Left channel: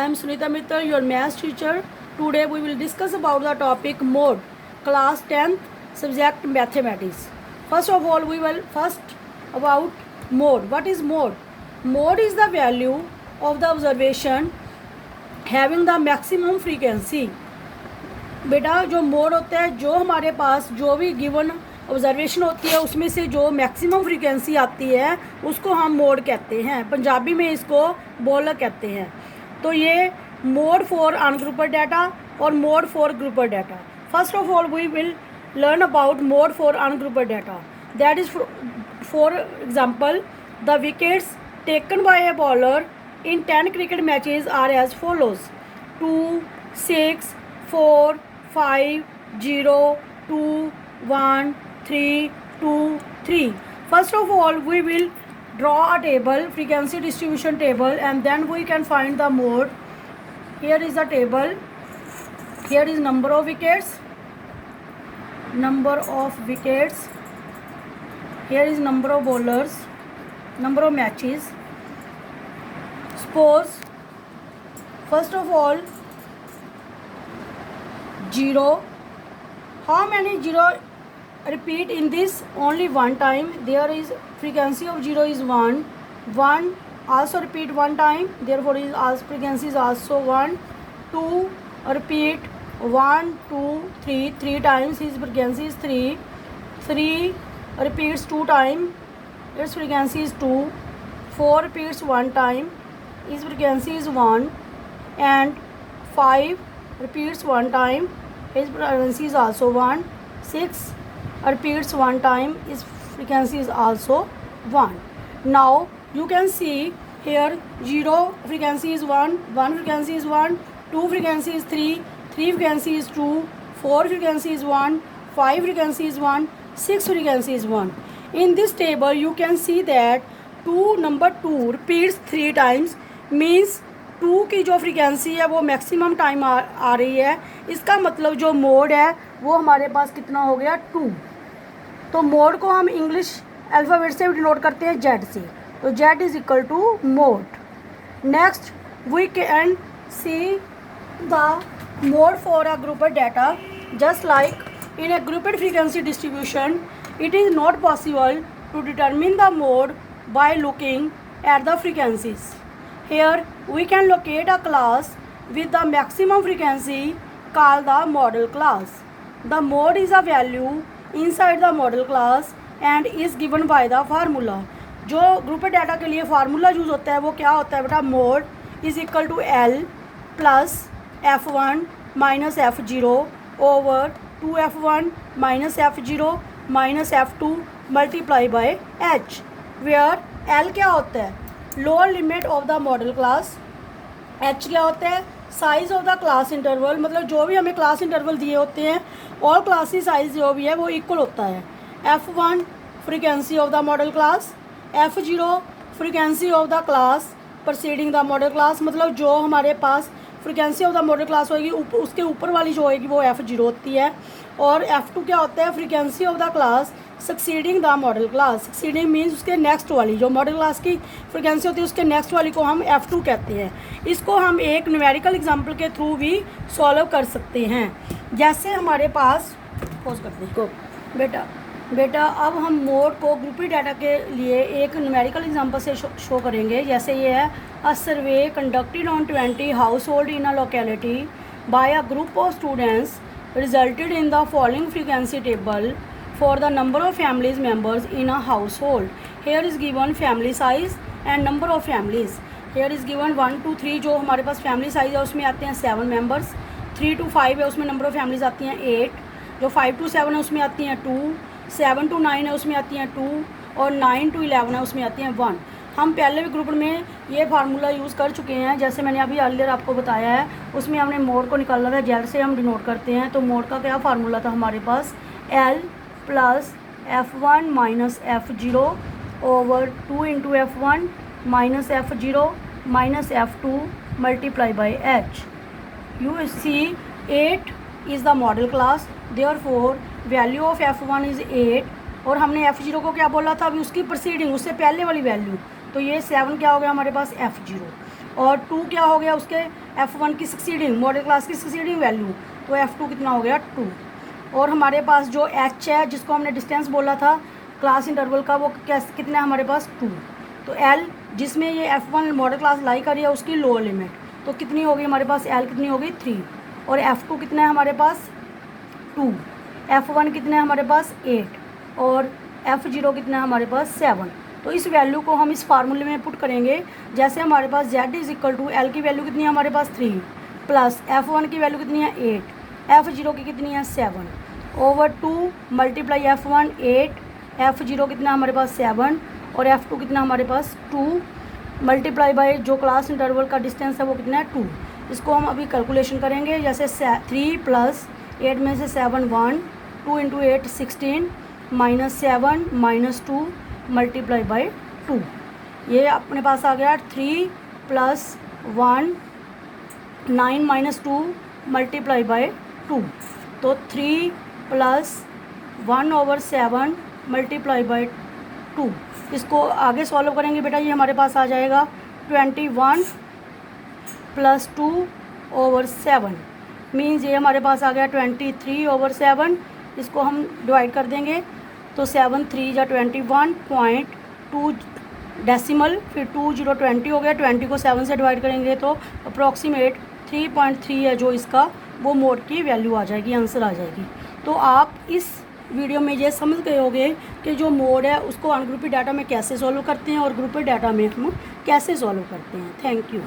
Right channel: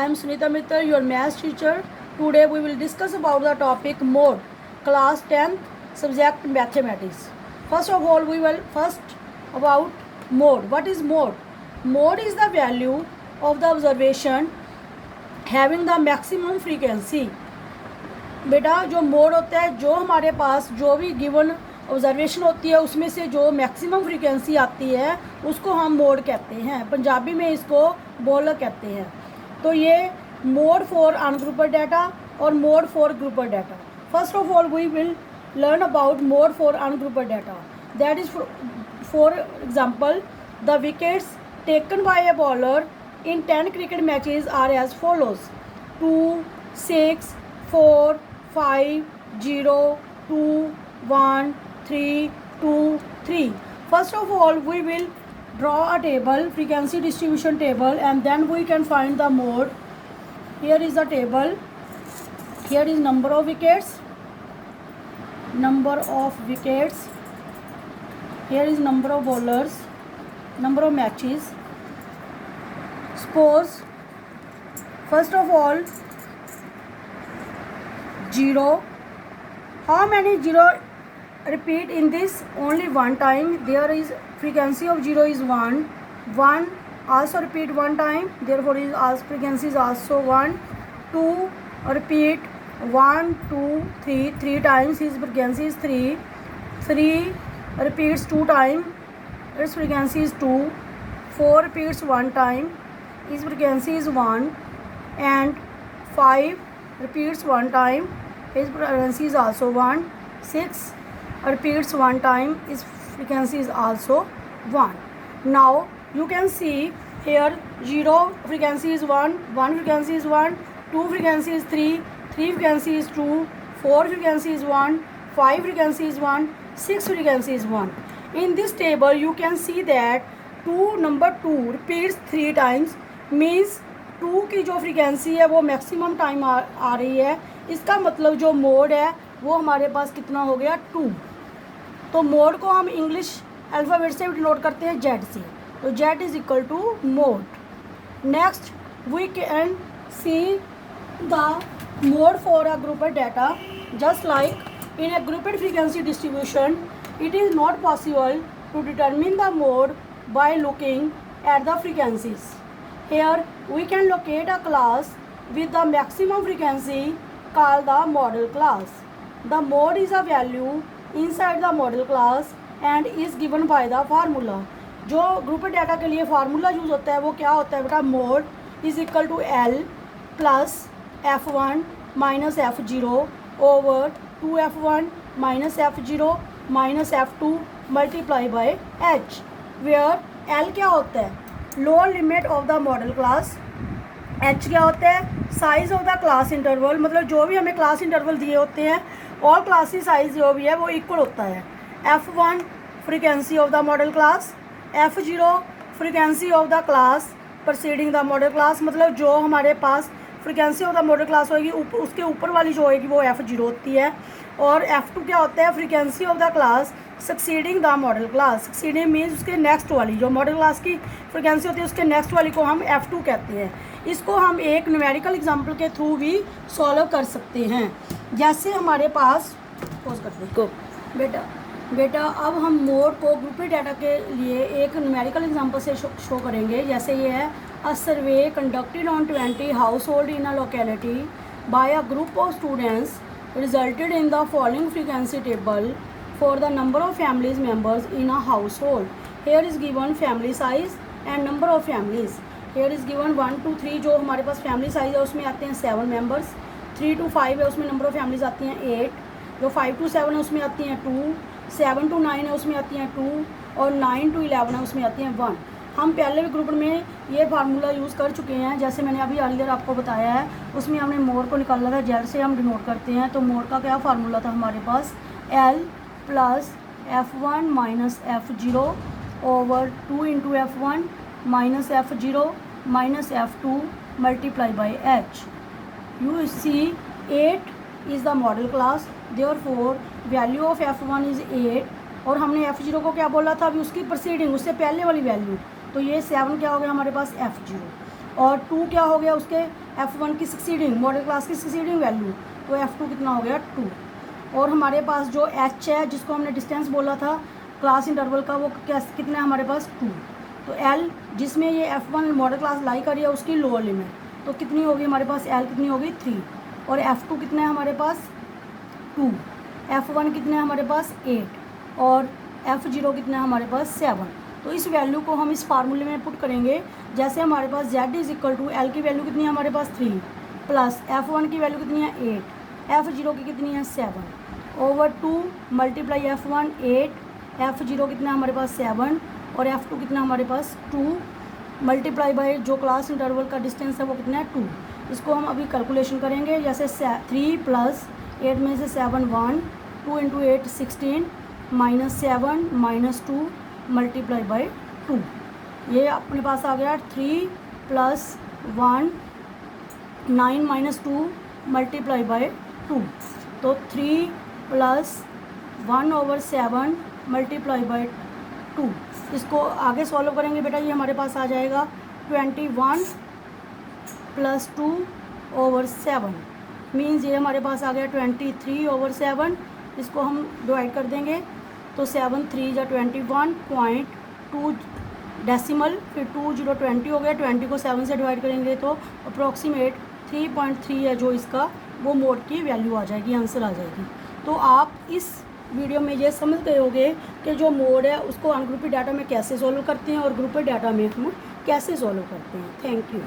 I am Sunita Mittal, your maths teacher. Today we will discuss about the topic mode, class 10th, subject mathematics. First of all, we will first about mode. What is mode? Mode is the value of the observation having the maximum frequency. बेटा जो mode होता है, जो हमारे पास जो भी given observation होती है उसमें से जो मैक्सिमम फ्रीक्वेंसी आती है उसको हम मोड कहते हैं। पंजाबी में इसको बोलर कहते हैं। तो ये मोड फॉर अनग्रुप्ड डाटा और mode for grouped data. First of all we will learn about mode for ungrouped data. That is for example the wickets taken by a bowler in 10 cricket matches are as follows 2, 6, 4, 5, 0, 2, 1, 3, 2, 3. First of all, we will draw a table, frequency distribution table, and then we can find the mode. Here is the table. Here is number of wickets. Number of wickets. Here is number of bowlers. Number of matches. Suppose, first of all, 0. How many 0 repeat in this? Only one time. There is frequency of 0 is 1. 1 also repeat one time, therefore is also frequency is also 1. 2 repeat 1, 2, 3 3 times, his frequency is 3. 3 repeats 2 times, its frequency is 2. 4 repeats 1 time, its frequency is 1. And 5 repeats 1 time, its frequency is also 1. 6 repeats 1 time, its frequency is also 1. Now you can see here 0 frequency is 1, 1 frequency is 1, 2 frequency is 3, 3 frequency is 2, 4 frequency is 1, 5 frequency is 1, 6 frequency is 1. In this table you can see that number 2 repeats 3 times, means 2 की जो frequency है वो maximum time आ रही है। इसका मतलब जो mode है वो हमारे पास कितना हो गया 2। तो मोड को हम इंग्लिश अल्फ़ाबेट से डिनोट करते हैं Z से। तो Z is equal to mode. Next we can see the mode for a grouped data. Just like in a grouped frequency distribution it is not possible to determine the mode by looking at the frequencies. Here we can locate a class with the maximum frequency called the model class. The mode is a value inside the model class and is given by the formula. जो group data के लिए formula use होता है वो क्या होता है बेटा? Mode is equal to L plus F1 minus F0 over 2F1 minus F0 minus F2 multiply by H, where L क्या होता है? Lower limit of the modal class. H क्या होता है? Size of the class interval, मतलब जो भी हमें क्लास इंटरवल दिए होते हैं और क्लास की साइज जो भी है वो इक्वल होता है। F1 frequency of the modal class, F0 frequency of the class preceding the modal class, मतलब जो हमारे पास frequency of the modal class होगी उसके ऊपर वाली जो होगी वो F0 होती है। और F2 क्या होता है? Frequency of the class succeeding the modal class. Succeeding means उसके नेक्स्ट वाली जो मॉडल क्लास की फ्रीक्वेंसी होती है उसके नेक्स्ट वाली को हम F2 कहते हैं। इसको हम एक न्यूमेरिकल एग्जांपल के थ्रू भी सॉल्व कर सकते हैं। जैसे हमारे पास पोज करते हैं बेटा अब हम मोड को ग्रुप डाटा के लिए एक न्यूमेरिकल एग्जांपल से शो करेंगे। जैसे ये है a survey conducted on 20 household in a locality by a group of students resulted in the following frequency table for the number of families members in a household. Here is given family size and number of families. Here is given 1 to 3 जो हमारे पास family size है उसमें आते हैं 7 members, 3 to 5 है उसमें number of families आती हैं 8, जो 5 to 7 है उसमें आती हैं 2, 7 to 9 है उसमें आती हैं 2 और 9 to 11 है उसमें आती हैं 1। हम पहले भी ग्रुप में ये फार्मूला यूज़ कर चुके हैं, जैसे मैंने अभी अर्लियर आपको बताया है। उसमें हमने मोड को निकाला था, जेड से हम डिनोट करते हैं। तो मोड का क्या फार्मूला था हमारे पास? L plus F1 minus F0 over 2 into F1 minus F0 minus F2 multiply by H। You see 8 is the modal class, therefore value of F1 is 8 और हमने F0 को क्या बोला था? अभी उसकी प्रीसीडिंग, उससे पहले वाली वैल्यू, तो ये 7 क्या हो गया हमारे पास? F0। और 2 क्या हो गया उसके F1 की सक्सीडिंग, मॉडल क्लास की सक्सीडिंग वैल्यू, तो F2 कितना हो गया 2। और हमारे पास जो H है जिसको हमने डिस्टेंस बोला था क्लास इंटरवल का, वो कितना है हमारे पास 2। तो L जिसमें ये F1 मॉडल क्लास लाई कर रही है उसकी लोअर लिमिट, तो कितनी होगी हमारे पास L कितनी होगी 3, और F2 कितना है हमारे पास 2, F1 कितना है हमारे पास 8, और F0 कितना है हमारे पास 7। तो इस वैल्यू को हम इस फार्मूले में पुट करेंगे, जैसे हमारे पास Z is equal to L की वैल्यू कितनी है हमारे पास 3, प्लस F1 की वैल्यू कितनी है 8, F0 की कितनी है 7, ओवर 2 मल्टीप्लाई F1 8, F0 कितना हमारे पास 7, और F2 कितना हमारे पास 2, मल्टीप्लाई बाय जो क्लास इंटरवल का डिस्टेंस है वो कितना है 2। इसको हम अभी कैलकुलेशन करेंगे, जैसे 3 प्लस 8 में से 7 1, 2 into 8 16, minus 7 minus 2 multiply by 2, ये अपने पास आ गया 3 प्लस 1 9 माइनस 2 मल्टीप्लाई बाय 2, तो 3 प्लस 1 ओवर 7 मल्टीप्लाई बाय 2। इसको आगे सॉल्व करेंगे बेटा, ये हमारे पास आ जाएगा 21 प्लस 2 ओवर 7, मीन्स ये हमारे पास आ गया 23 ओवर 7। इसको हम डिवाइड कर देंगे, तो 7 3 जा 21.2 डेसिमल, फिर 2 0 20 हो गया, 20 को 7 से डिवाइड करेंगे तो अप्रॉक्सीमेट 3.3 है जो इसका वो मोड की वैल्यू आ जाएगी, आंसर आ जाएगी। तो आप इस वीडियो में ये समझ गए होंगे कि जो मोड है उसको अनग्रुपेड डाटा में कैसे सॉल्व करते हैं और ग्रुपेड डाटा में हम कैसे सॉल्व करते हैं। Thank you.